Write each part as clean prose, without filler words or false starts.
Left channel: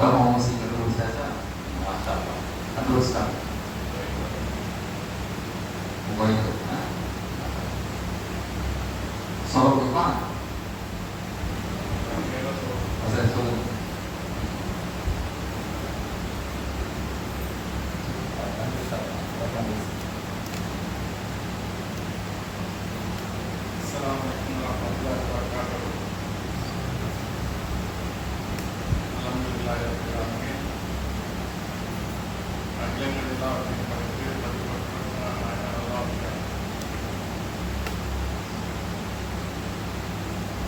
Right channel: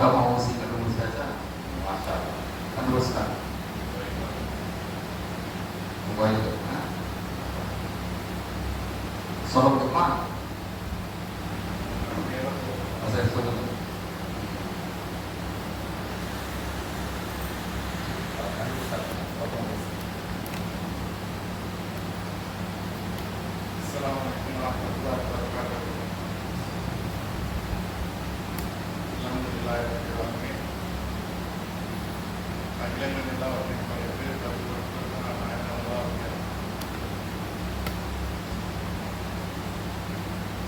मोठा माणूस इकडे उसायचा वाजता तंदुरुस्त मोबाईल சொல்ல முடியுமா? சரி சொல்லுங்க.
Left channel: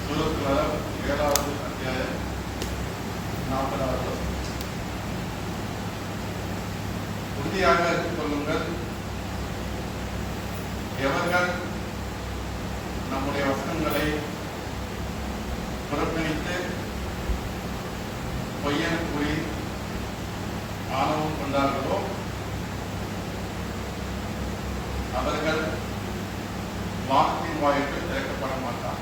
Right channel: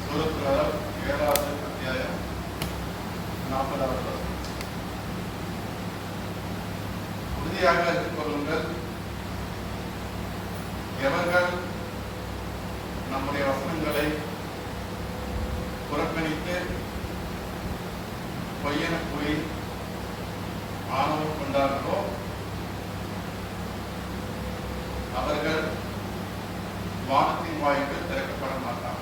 சூரத்துல் 7வது அத்தியாயம் 40வது வசனம். உறுதியாக இருத்துக் கொள்ளுங்கள், எவர்கள் நம்முடைய வசனங்களை புறக்கணித்து பொய்யென கூறி ஆணவம் கொண்டார்களோ அவர்கள் வானத்தின் வாயில்கள் திறக்கப்பட மாட்டார்.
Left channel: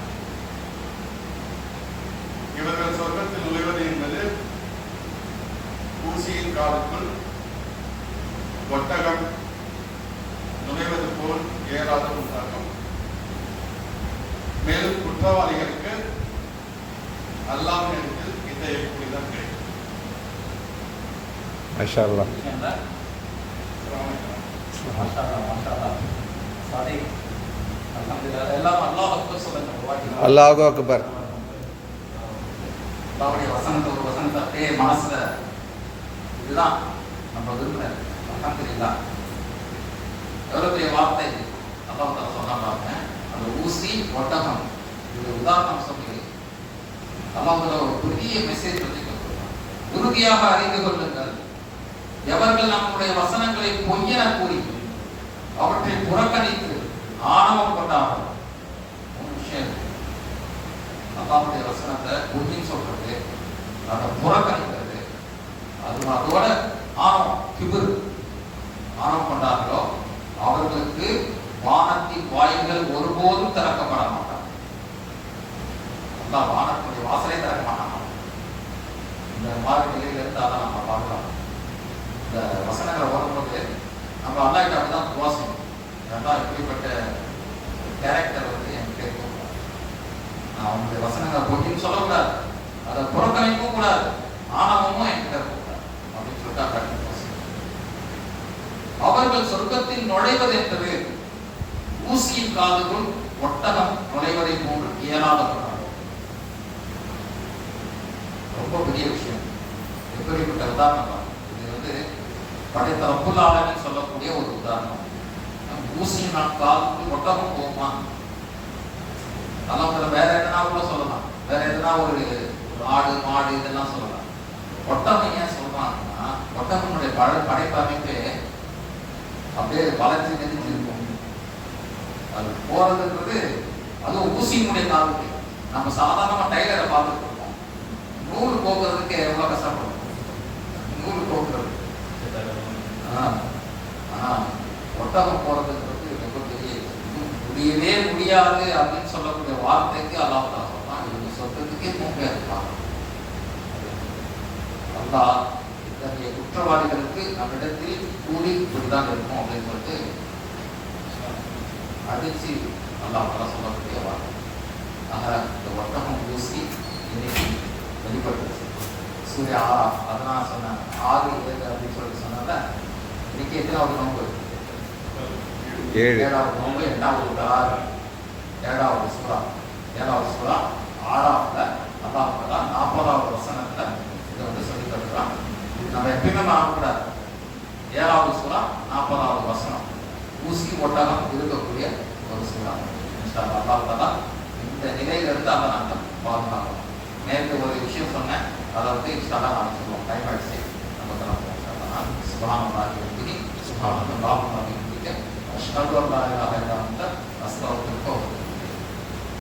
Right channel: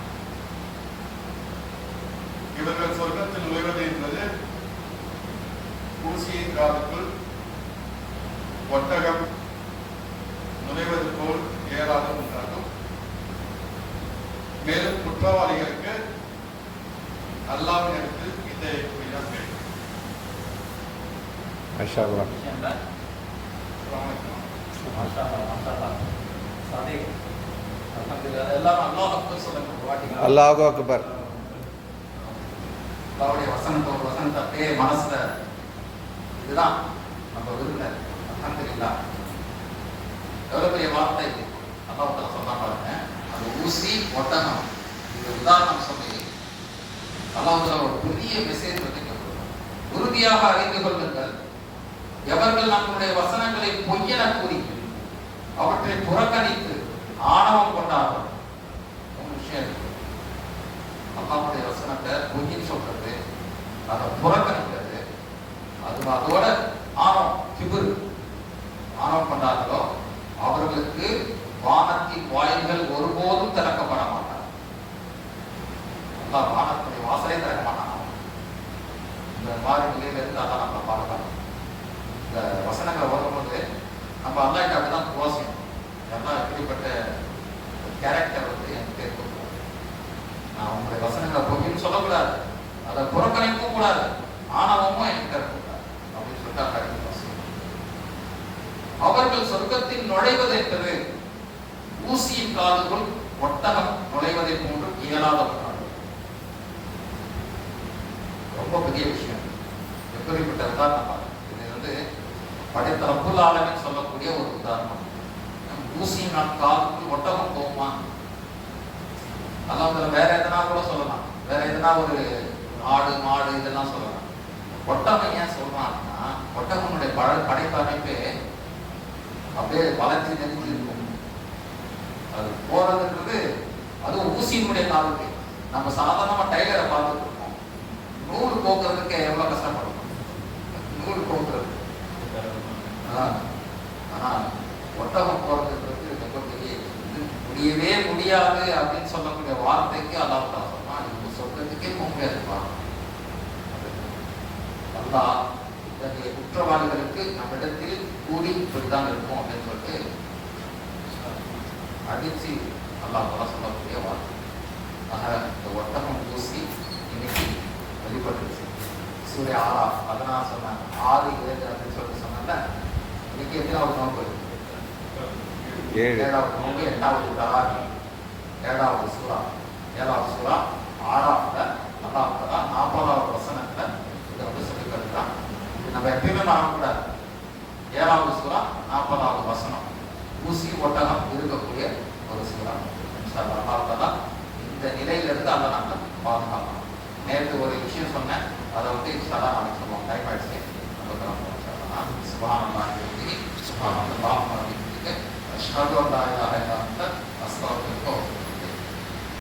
இவர்கள் சொர்க்கத்தில் நுழைவது என்பது ஊசியின் காதுக்குள் ஒட்டகம் நுழைவது போல் இயலாத ஒன்றாகும். மேலும் குற்றவாளிகளுக்கு அல்லாஹ்விடத்தில் இத்தகைய கூலிதான் கிடைக்கும். மாஷா அல்லாஹ். அல்லாஹு அக்பர். அவருடைய வசனத்தை ஒரு வசனத்தை அப்படியே மனசுல இதுதான் நம்ம விரும்புறாரு. அல்ஹம்துலில்லாஹ். எவ்வளவு பெரிய வார்த்தை இது. அல்லாஹ் தஆலா சொன்னா பாருங்க, அது ஊசி ஒட்டகம், இது உதாரணம் சொல்லி அல்லாஹ் ஒரு பெரிய மெசேஜ் வந்து கொடுக்கிறார். உறுதியாக அறிந்து கொள்ளுங்கள், எவர்கள் நம்முடைய வசனங்களை பொய்யென கூறி அவற்றை புறக்கணித்து ஆணவம் கொண்டார்கள். மூணு விஷயம் இருக்கு. அல்லாஹ்வுடைய வசனத்தை பொய்ன்னு சொல்றது, அதை புறக்கணிக்கிறது, அதோட ஆணவம் கிபிர் ஆணவம் கொண்டார்களோ அவர்களுக்கு வானத்தின் வாயில்கள் ஒருபோதும் திறக்கப்பட மாட்டார். அல்லாஹ் வானத்துடைய வாசலை திறக்க மாட்டாங்க. இந்த மாதிரி நிலையிலிருந்து அதை நம்ம பார்க்கலாம். இந்த வசனங்களை வரும்போது நம்ம அல்லாஹ்கிட்ட அப்படிதான் துவாசிக்கணும். ஏன்னா எப்படிப்பட்ட கேரக்டர் வந்து என்கிட்ட இருக்கும். நான் உங்களுடைய வசனங்களை பொய்ன்னு சொல்லக்கூடாது, அதை புறக்கணிக்கவும் கூடாது, ஆணவமும் என்கிட்ட இருக்கக்கூடாது அப்படின்னு சொல்லிட்டு அக்காடி அவர்கள் சொர்க்கத்தில் நுழைவது என்பது ஊசியின் காதுக்குள் ஒட்டகம் நுழைவதை போன்று இயலாத ரொம்ப பெரிய விஷயம். எப்படிப்பட்ட உதாரணம் இது வந்து படைத்த ரப்புல் ஆலமீன் சொல்லக்கூடிய ஒரு உதாரணம். ஊசியின் காதுக்குள் ஒட்டகம் போகுமா? அல்லாஹ் வேற எதனா கூட சொல்லலாம், வேற எதனா ஒரு ஆடு மாடு இதெல்லாம் சொல்லலாம். ஒட்டகம் ஏன் சொல்றாங்கன்னா ஒட்டகனுடைய படைப்பு அமைப்பே அப்படியே வளர்ச்சி நெஞ்சு இருக்கும். அது போறதுன்றது அதுவும் ஊசியினுடைய காலுக்கு. நம்ம சாதாரணமா டைலரை பார்த்துட்டு இருக்கோம், நூல் போக்குறதுக்கு எவ்வளவு கஷ்டப்படணும் நூல் போக்குறது. ஆனா ஒட்டகம் போறதுன்றது ரொம்ப பெரிய முடியவே முடியாது அப்படின்னு சொல்லக்கூடிய வார்த்தைக்கு அல்லாஹ் தான் சொல்றான். இது சொர்க்கத்துக்கே போக முடியாது. அல்லாஹ் இத்தகைய குற்றவாளிகளுக்கு நம்மிடத்தில் கூலி இப்படிதான் இருக்கும் அப்படின்னு சொல்லிட்டு அடிச்சு அல்லாஹ் தான் சொல்லக்கூடிய வார்த்தை. ஆக இந்த ஒட்டகம் ஊசி இன்னைக்கு வெளிப்பட்டுருச்சு. சூரிய 6 அதனால் சொன்னாங்க 6, 7 அப்படின்னு சொல்லிட்டு சொன்னாங்க. இன்னைக்கு எத்தனாவது நோன்பு? 7வது நோன்பு. 7வது சூறா 6வது அல்லாஹ் 40வது வசனத்துல இதை வந்து சொல்லி தருகிறான். நம்ம எப்பயுமே மறக்கக்கூடாது. 7வது சூறா 40வது வசனம் ஊசி ஒட்டகம் இருக்கக்கூடிய ஒரு சூறா. அல்லாஹ் தஆலா இந்த நிலையிலிருந்து அதை நாங்கள் பாதுகாக்கணும். நேற்று ஒரு விஷயம் சொன்னேன், அதை வந்து இன்ஷாஅல்லாஹ் நான் சொல்லுவோம். டைம் ஆயிடுச்சு, நம்ம தரப்போம். சுப்ஹானல்லாஹி வ பிஹம்திஹி சுப்ஹானல்லாஹி வ பிஹம்திஹி அஷ்ஹது அன் லா இலாஹா இல்லா அன்த அஸ்தக்ஃபிருக